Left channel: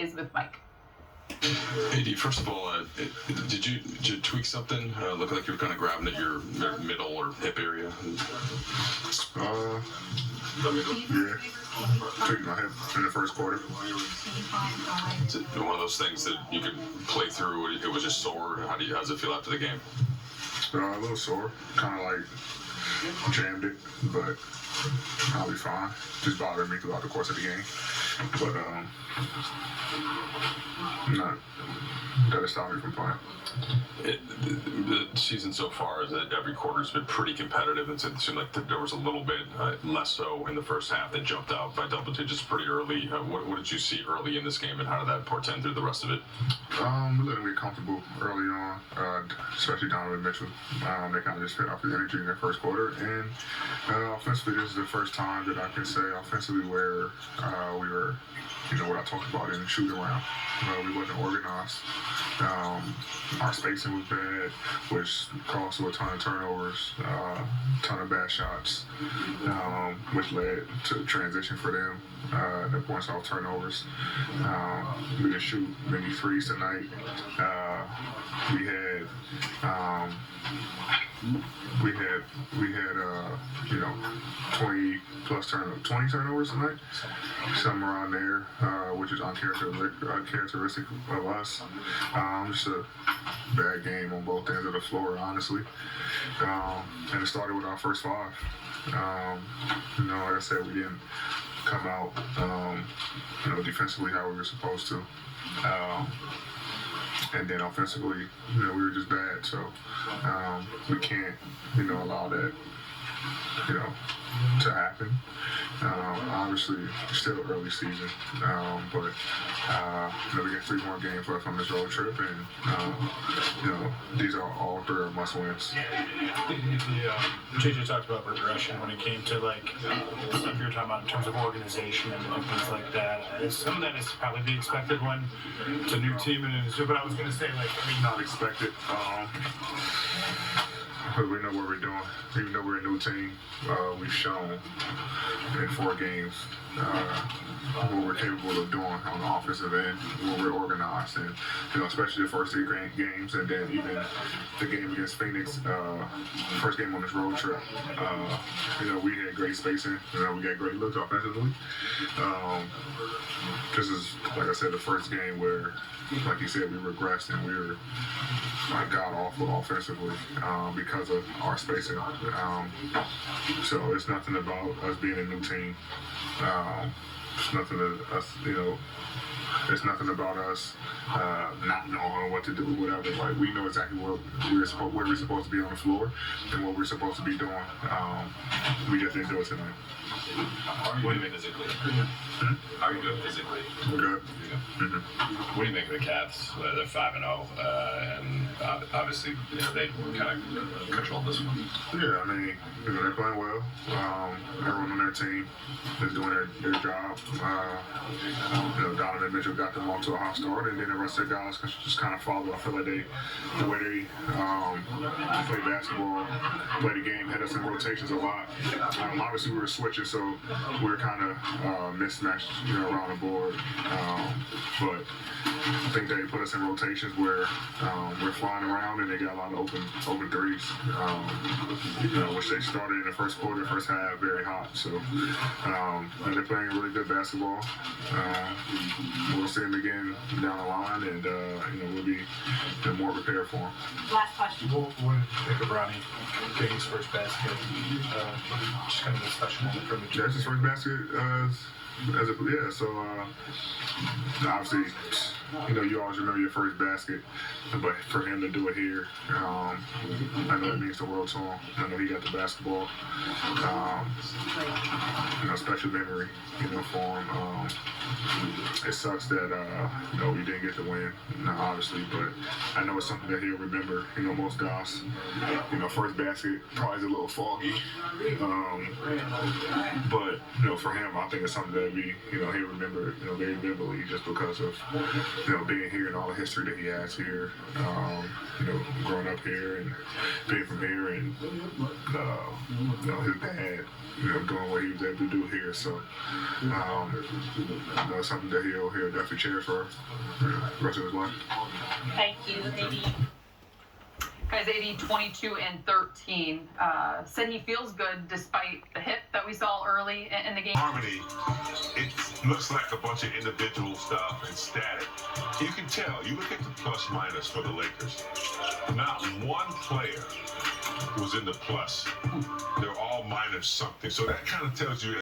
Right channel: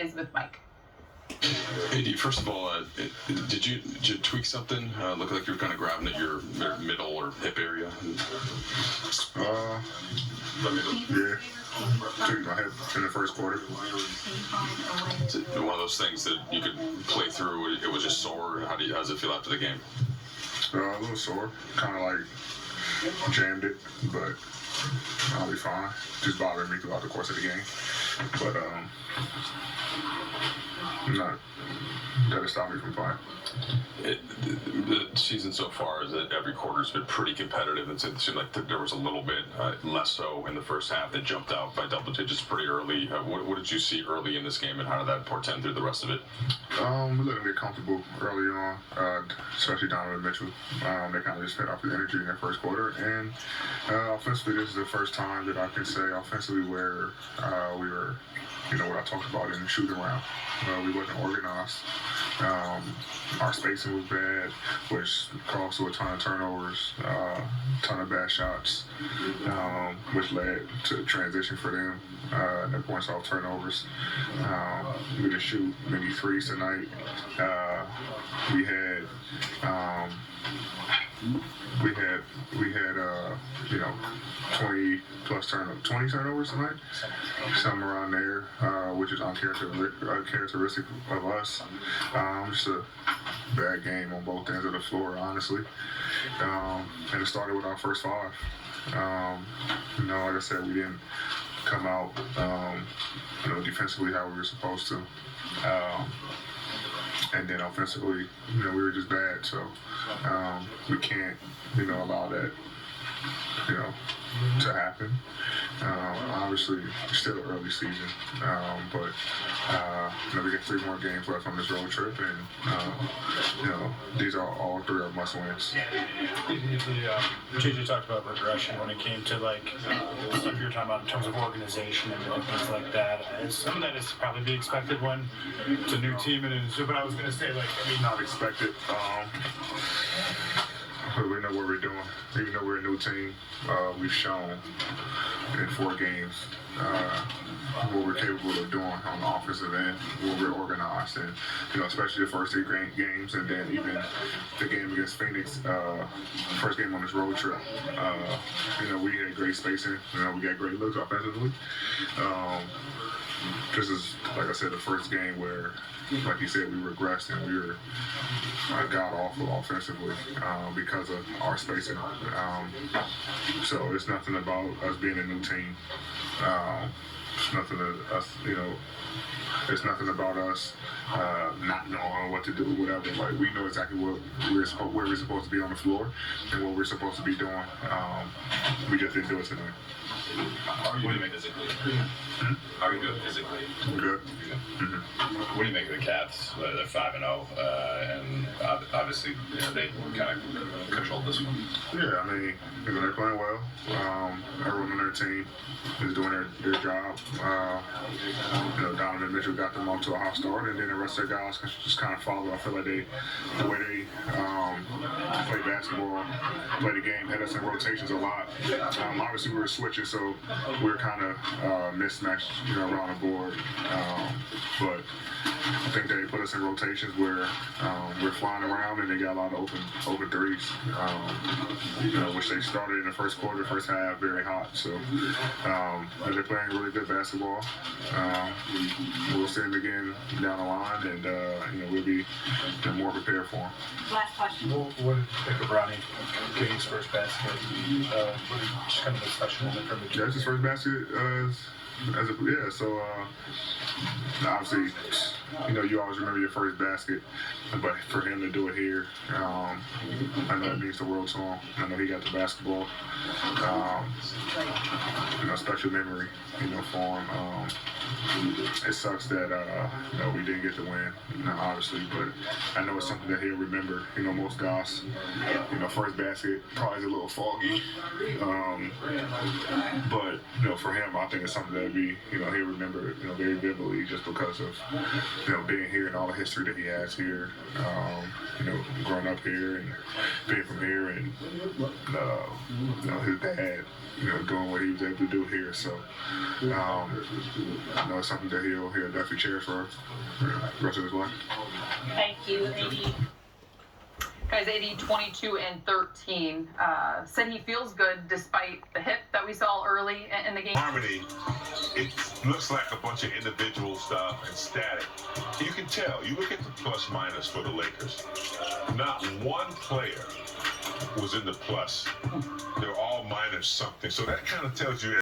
is with Mike. AD, first of all, did you tweak something? Looked like you were kind of grabbing at your middle or hip area. Yeah, tweaked my hip in the first quarter. Is it one of those things that you could play through? It was just sore. How does it feel after the game? A little sore, kind of like jammed it, but I'll be fine. Just bothered me throughout the course of the game, but no, that'll stop me from playing. The season so far is that every quarter's been pretty competitive. It seemed like there was a little bit less so in the first half that jumped out by double digits pretty early. What did you see early in this game, and how did that portend through the rest of it? We let them get comfortable early on, especially Donovan Mitchell. They kind of just fed off the energy in their first quarter, and offensively, this is the first time that I can say offensively where we were, what I talked about in the shoot around. We wasn't organized. Our spacing was bad, which caused to a ton of turnovers, ton of bad shots, which led to transition for them. The points off turnovers. We didn't shoot many threes tonight. We had 20 turnovers tonight, something around there, which is uncharacteristic of us. Just a bad game on both ends of the floor, honestly. And it started with our first five. Like I said, we didn't come out, defensively how we were supposed to. And then offensively, we were just bad. So we can't, allow that, to happen. Obviously, still an early season, but we got 3 more games left on this road trip, and these are all 3 are must wins. JJ talked about regression when it came to stuff you were talking about in terms of organization and things like that. Some of that is probably be expected when it's a new team, but I was going to say not expected. We know what we're doing. Even though we're a new team, we've shown in 4 games what we're capable of doing on the offensive end, where we're organized, and especially the first 3 games, and then even the game against Phoenix, first game on this road trip. We had great spacing. We got great looks offensively. This is, like I said, the first game where, like you said, we regressed and we were god awful offensively because of our spacing. So it's nothing about us being a new team. It's nothing that us, it's nothing about us not knowing what to do, whatever. We know exactly where we're supposed to be on the floor and what we're supposed to be doing. We just didn't do it tonight. How are you doing physically? How are you doing physically? We're good. Mm-hmm. What do you make of the Cavs? They're 5-0, and obviously, they kind of controlled this one. Yeah, they're playing well. Everyone on their team is doing their job. Donovan Mitchell got them off to a hot start, and then the rest of the guys just kind of follow. I feel like the way they play basketball, play the game, had us in rotations a lot. Obviously, we were switching, so we were kind of mismatched, around the board. But I think they put us in rotations where we're flying around, and they got a lot of open threes, which they started in the first quarter, first half, very hot. So and they're playing really good basketball. We'll see them again down the line, and we'll be more prepared for them. Last question. What did you think of Ronnie getting his first basket? Just kind of a discussion on it from the Yeah, that's his first basket. So obviously, you always remember your first basket, but for him to do it here, I know it means the world to him. I know he got the basketball, special memory, for him. It sucks that, we didn't get the win, obviously, but I know it's something that he'll remember. Most guys, first basket probably is a little foggy, but, for him, I think it's something that he'll remember, very vividly, just because of being here and all the history that he has here, growing up here and being from here, and his dad, doing what he was able to do here. So, it's something that he'll definitely cherish for the rest of his life. Thank you, AD. Guys, AD 22-13 said he feels good despite the hit that we saw early in the game. Harmony, it looks like a bunch of individual stuff and static. You can tell. You look at the plus minus for the Lakers. Not one player was in the plus. They're all minus something. So that kind of tells you